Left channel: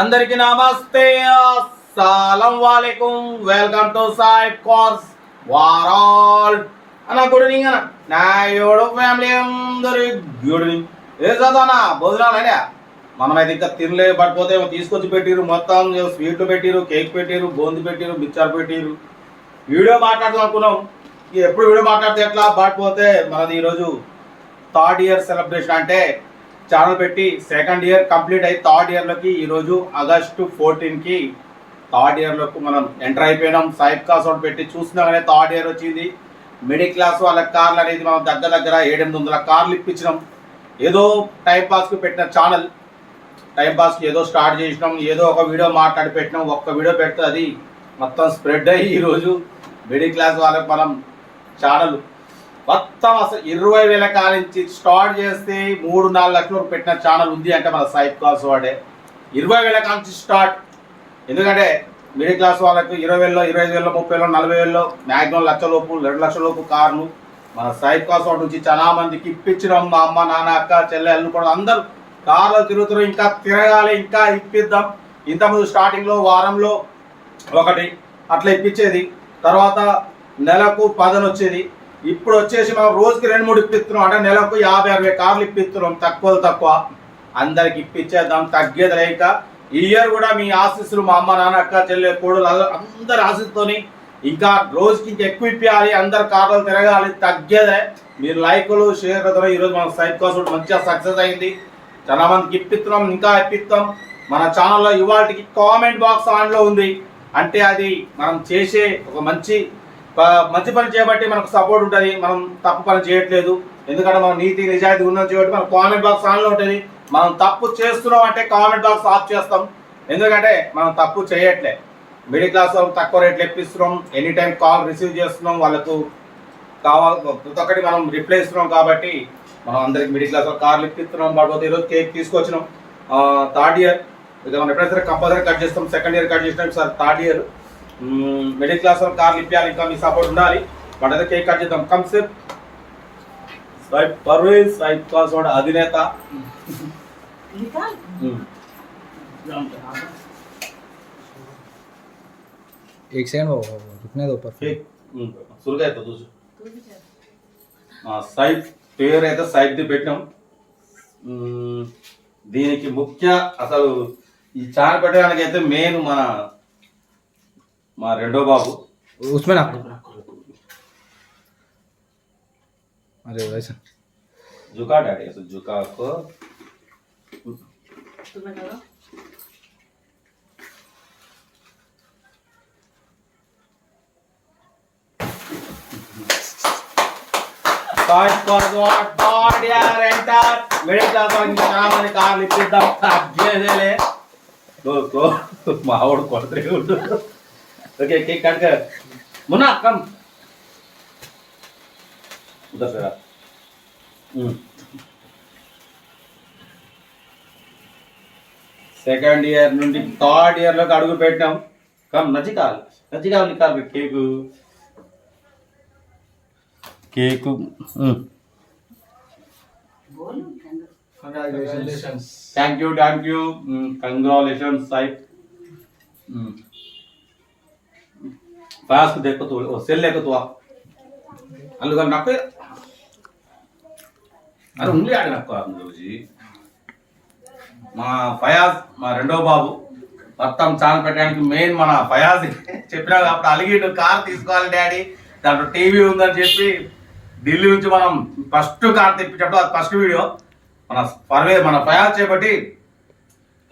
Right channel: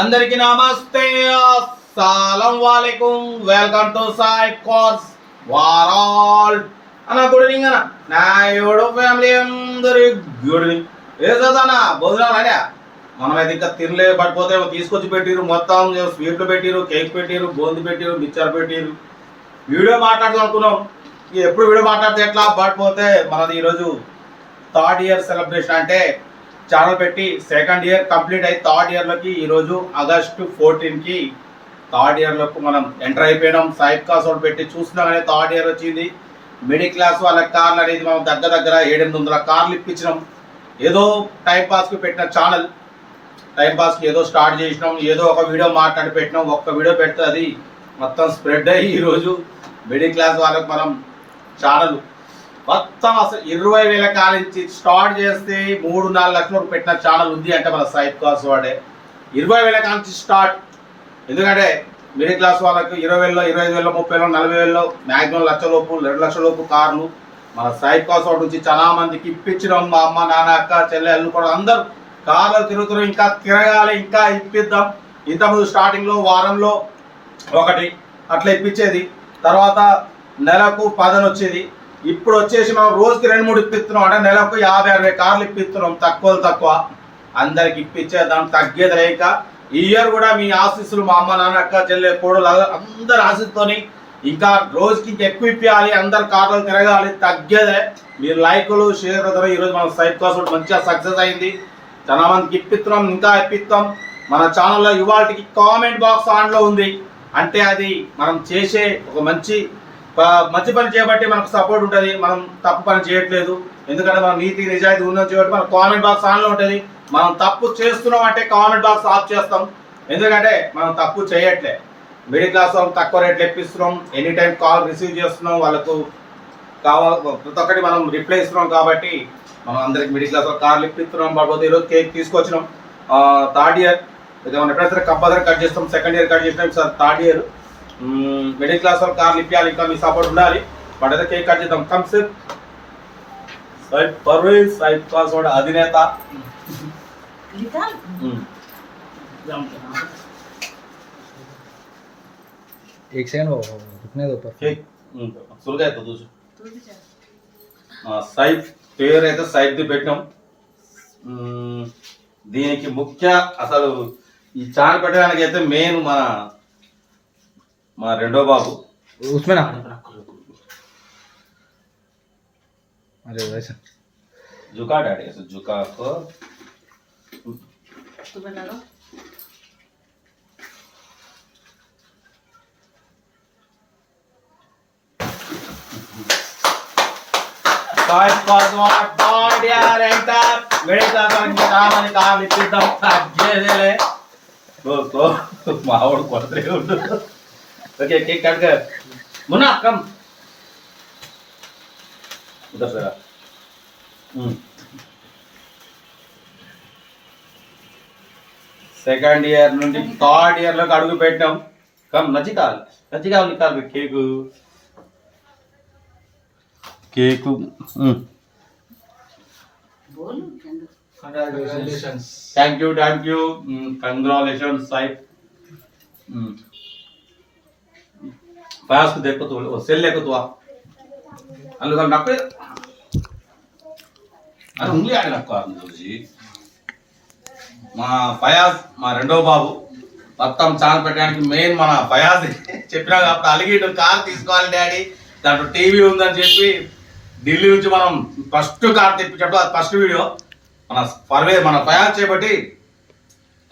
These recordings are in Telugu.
అందరికి నమస్తే, అస్సలం వాలేకుం. వెల్కమ్ టు సాయి కోర్స్ వారాల్ అన్న. గుడ్ ఈవినింగ్ అన్న. నా యోడు ఫ్యామిలీ అందరి గుడ్ ఈవినింగ్. ఏ చదవనా భోజనాలు అనే మనమైతే ఇంకా తినలే. పడిపోతే తీసుకొచ్చి పెట్టిరు, మొత్తం స్వీట్లు పెట్టిరు, కేక్ పెట్టిరు, బూంది పెట్టిరు, మిక్చర్ పెట్టిరు. వీడియో మాట్లాడదాం అనుకున్నాం. ఎప్పుడు వీడియో మాట్లాడితే ఎట్లా పడిపోతే మనది ఈరోజు థర్డ్ ఇయర్ సెలబ్రేషన్. అంటే ఛానల్ పెట్టి సెకండ్ ఇయర్ కంప్లీట్ అయ్యి థర్డ్ ఇయర్లోకి ఈరోజు ఆగస్టు 14కి థర్డ్ ఇయర్లోకి మనం ఎంటర్ అయిపోయినాం. సైడ్ కాస్ ఒకటి పెట్టి చూసినా కానీ థర్డ్ ఇయర్ వచ్చింది. మిడిల్ క్లాస్ వాళ్ళ కార్లు అనేది మనం దగ్గర 700-800 కార్లు ఇప్పించినాం. ఏదో టైంపాస్కి పెట్టిన ఛానల్, టైంపాస్కి ఏదో స్టార్ట్ చేసినాం, ఏదో ఒక వీడియో మాట్లాడి పెట్టినాం. ఒక్క వీడియో పెడితే అది మొత్తం స్ప్రెడ్ అయ్యి ఈరోజు మిడిల్ క్లాస్ వాళ్ళకి మనం ఛానల్ మొత్తం అసలు 20,000 కాలించి స్టార్ట్ చేస్తే 3-4 లక్షల వరకు పెట్టిన ఛానల్ ఉంది అంటే మన సైడ్ క్లాస్ వాడే 20,000 కాలించి స్టార్ట్. ఎందుకంటే మిడిల్ క్లాస్ వాళ్ళకి 20,000, 25,000, 30,000, 40,000 మ్యాక్సిమం లక్షలోపు 2 లక్షల లోపు కార్లు మన సైడ్ క్లాస్ వాడి నుంచి చాలా మందికి ఇప్పించడం. మా అమ్మ, నాన్న, అక్క, చెల్లె, అల్లు కూడా అందరూ కార్లు తిరుగుతున్నారు. ఇంకా తిరగాలి, ఇంకా ఇప్పిద్దాం. ఇంతకుముందు స్టార్టింగ్లో వారంలో ఒకటి అట్లా ఇప్పించేది, తర్వాత నెలకు 10 వచ్చేది. ఇప్పుడు వచ్చేసి మనం రోజుకి 2-3 ఇప్పిస్తున్నాం. అంటే నెలకు 50-60 కార్లు ఇప్పిస్తున్నాం. తక్కువ అందరికి ఇప్పించేద్దాం, తగ్గేది లేక. ఈ ఇయర్ కూడా మీ ఆశీస్సులు, మా అమ్మ, నాన్న, అక్క, చెల్లె, కోడలు అందరి ఆశీస్సుతోని ఇంకా రోజుకి ఇంకా ఎక్కువ ఇప్పించాలి, అందరు కార్లు తిరగాలి, తగ్గేదే. మీరు లైకులు, షేర్ కదా. ఈరోజు మన సైడ్ కోసం మంచిగా సక్సెస్ అయింది. చాలా మందికి ఇప్పిస్తున్నాం, ఇంకా ఇప్పిస్తాం. మన ఛానల్లో ఇవాళకి కామెంట్ బాక్స్ ఆన్లో ఉంది. అంటే అది మనం చేసే ఒక మంచి పని చేయబట్టి మనకు సపోర్ట్ ఉంటుంది. మనం తప్పు పని చేయట్లేదు. ఎందుకంటే మనం నీతి నిజాయితీ ఉన్నది చేయబట్టి మన కామెంట్ బాక్స్ ఆన్లో ఉంటుంది. మనం తప్పు చేస్తున్నాం అంటే కామెంట్ బాక్స్ ఆఫ్ చేస్తాం. ఎందుకంటే మనం తప్పు చేయట్లే. మిడిల్ క్లాస్ వాళ్ళకి తక్కువ రేట్లు ఇప్పిస్తున్నాం, ఎనీ టైం కాల్ రిసీవ్ చేస్తున్నాం, వాళ్ళకు కావాలి ప్రతి ఒక్కటి మనం రిప్లై ఇస్తున్నాం. కాబట్టి మనం అందరికి మిడిల్ క్లాస్ వాళ్ళకి కార్లు ఇప్పిస్తున్నాం. పడిపోతే ఈరోజు కేక్ తీసుకొచ్చినాం. థర్డ్ ఇయర్ ఇక మనం ఎప్పుడైతే సరే కంపల్సరీ కట్ చేస్తాం. సెకండ్ ఇయర్ కట్ చేసినాం, sir third year middle class వాళ్ళు కార్లు ఇప్పించాలి. ఇంకా మీ సపోర్ట్ ఉండాలి. బట్ అయితే కేక్ కట్ చేద్దాం. Come sir Saib Parvez, side class వాడు అధినేత. एक सेकंड वो रुकने दो पर కేక్ సులుగా అవుతుంది చూసు. సైడ్ పేరు అయితే సైడ్ది పెట్టినాం. దీనికి ముఖ్య అసలు ఈ చాట్ పెట్టడానికి అయితే మెయిన్ మా రెండో బాబు. उसमें ना अरे वैसा జుకా డాడీ. అసలు జుకాకు కార్లు ఇప్పిద్దాం. తగ్గేదేలే. మావాడు కొడతలే ఉండు. ఓకే కేక్ కట్ కర్ మున్నా కమ్ उधर से సెకండ్ ఇయర్ నుండి థర్డ్ ఇయర్ లోకి అడుగు పెట్టాం. కమ్ నచ్చికాలు నికాలు cake thank you congratulations side पास को देखो तो सेल लेको तो अलग नक्को अरे उंगली आगे नक्को जी. మా ఫయాజ్ మా రెండో బాబు మొత్తం ఛానల్ పెట్టడానికి మెయిన్ మన ఫయాజ్. చెప్పినా అప్పుడు అలిగిడు కార్ తీసుకోవాలి డాడీ, దాంట్లో టీవీ ఉందని చెప్పి ఢిల్లీ నుంచి మనం ఫస్ట్ కార్ తెప్పించడం. అది ఫస్ట్ వీడియో మన ఫయాజ్ చేపట్టి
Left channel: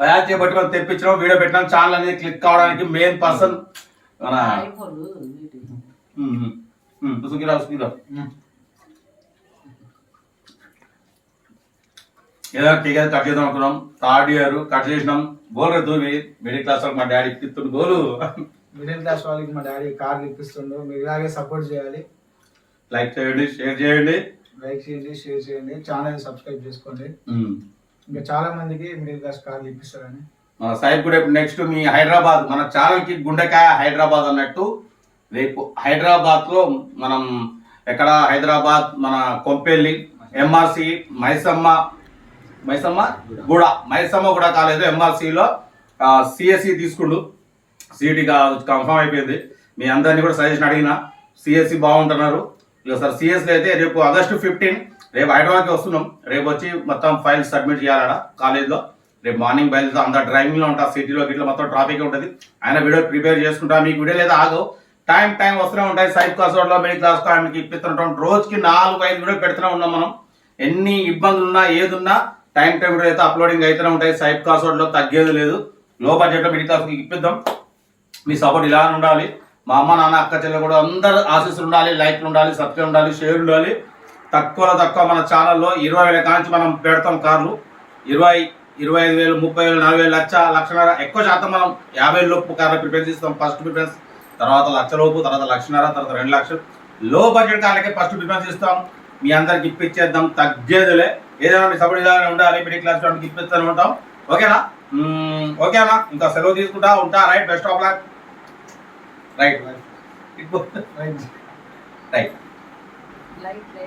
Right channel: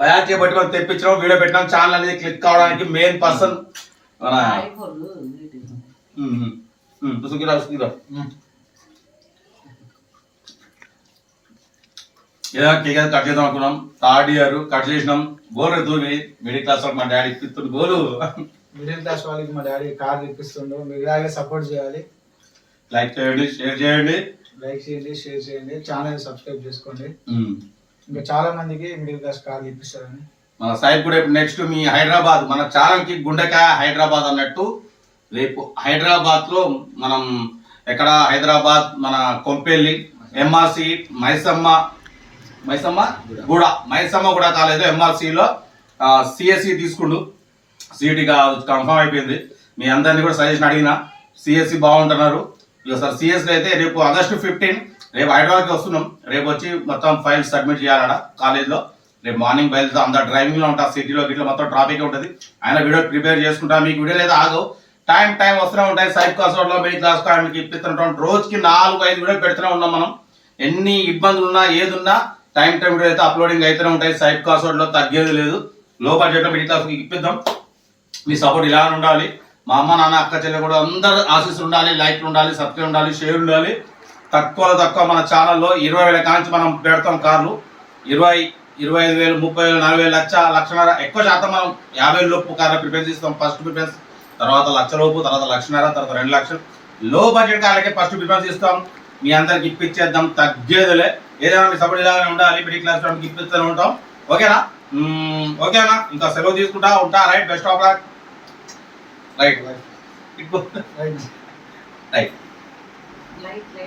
మనం తెప్పించడం, వీడియో పెట్టడం. ఛానల్ అనేది క్లిక్ కావడానికి మెయిన్ పర్సన్ మన ఏదో కేక్ కట్ చేద్దాం అనుకున్నాం. థర్డ్ ఇయర్ కట్ చేసినాం. బోల్ రేపు మిడిల్ క్లాస్ వాళ్ళకి మా డాడీ ఇప్పిస్తుండు. గోలు మిడిల్ క్లాస్ వాళ్ళకి మా డాడీ కార్లు ఇప్పిస్తుండు. మీరు ఇలాగే సపోర్ట్ చేయాలి. లైక్ చేయండి, షేర్ చేయండి, ఛానల్ సబ్స్క్రైబ్ చేసుకోండి. ఇంకా చాలా మందికి మిడిల్ క్లాస్ కార్లు ఇప్పిస్తారని మన సైడ్ కూడా. నెక్స్ట్ మీ హైదరాబాద్ మన ఛానల్ కి గుండెకాయ హైదరాబాద్ అన్నట్టు. రేపు హైదరాబాద్ లో మనం ఎక్కడ హైదరాబాద్ మన కొంపెల్లి ఎంఆర్సి మైసమ్మ మైసమ్మ కూడా కాలేజ్ ఎంఆర్సిలో సిఎస్సి తీసుకుండు, సిఈటి కన్ఫర్మ్ అయిపోయింది. మీ అందరినీ కూడా సజెషన్ అడిగిన, సిఎస్సి బాగుంటున్నారు. ఇక సార్ సిఎస్సి అయితే రేపు August 15 రేపు హైదరాబాద్కి వస్తున్నాం. రేపు వచ్చి మొత్తం ఫైల్స్ సబ్మిట్ చేయాలట కాలేజ్లో. రేపు మార్నింగ్ బయలుదేరుతా, అంతా డ్రైవింగ్లో ఉంటా, సిటీలో గిట్ల మొత్తం ట్రాఫిక్ ఉంటుంది. ఆయన వీడియో ప్రిపేర్ చేసుకుంటా, మీకు వీడియో లేదా ఆగవు, టైం వస్తూనే ఉంటాయి. సైడ్ క్లాస్లో మిడిల్ క్లాస్ కామెడీకి ఇప్పిస్తుంటాం. రోజుకి 4-5 వీడియోలు పెడుతూనే ఉన్నాం మనం. ఎన్ని ఇబ్బందులు ఉన్నా ఏది ఉన్నా టైం వీడియో అయితే అప్లోడింగ్ అయితేనే ఉంటాయి. సైడ్ క్లాస్లో తగ్గేది లేదు. లో బడ్జెట్లో మిడిల్ క్లాస్కి ఇప్పిద్దాం. మీ సపోర్ట్ ఇలా ఉండాలి. మా అమ్మ నాన్న అక్క చెల్లె కూడా అందరు ఆశీస్సులు ఉండాలి, లైక్లు ఉండాలి, సబ్స్క్రైబ్ ఉండాలి, షేర్ ఉండాలి. తక్కువ మన ఛానల్లో 20,000 కాంచి మనం పెడతాం కార్లు. 20, 25,000, 30,000, 40,000, లక్షన్నర, ఎక్కువ శాతం మనం 50,000 లోపు కార్లు ప్రిపేర్ చేస్తాం. ఫస్ట్ ప్రిఫరెన్స్, తర్వాత 1,00,000 లోపు, తర్వాత 1,50,000, తర్వాత 2 లక్షలు. లో బడ్జెట్ కార్లకే ఫస్ట్ ప్రిఫరెన్స్ ఇస్తాం. మీ అందరికి ఇప్పించేద్దాం, తగ్గేదిలే. ఏదైనా మీ సపోర్ట్ ఇలానే ఉండాలి. మిడిల్ క్లాస్ వాళ్ళకి ఇప్పిస్తూనే ఉంటాం. ఓకేనా? ఓకేనా? ఇంకా సెలవు తీసుకుంటా ఉంటా. Right, best of luck. Right right right.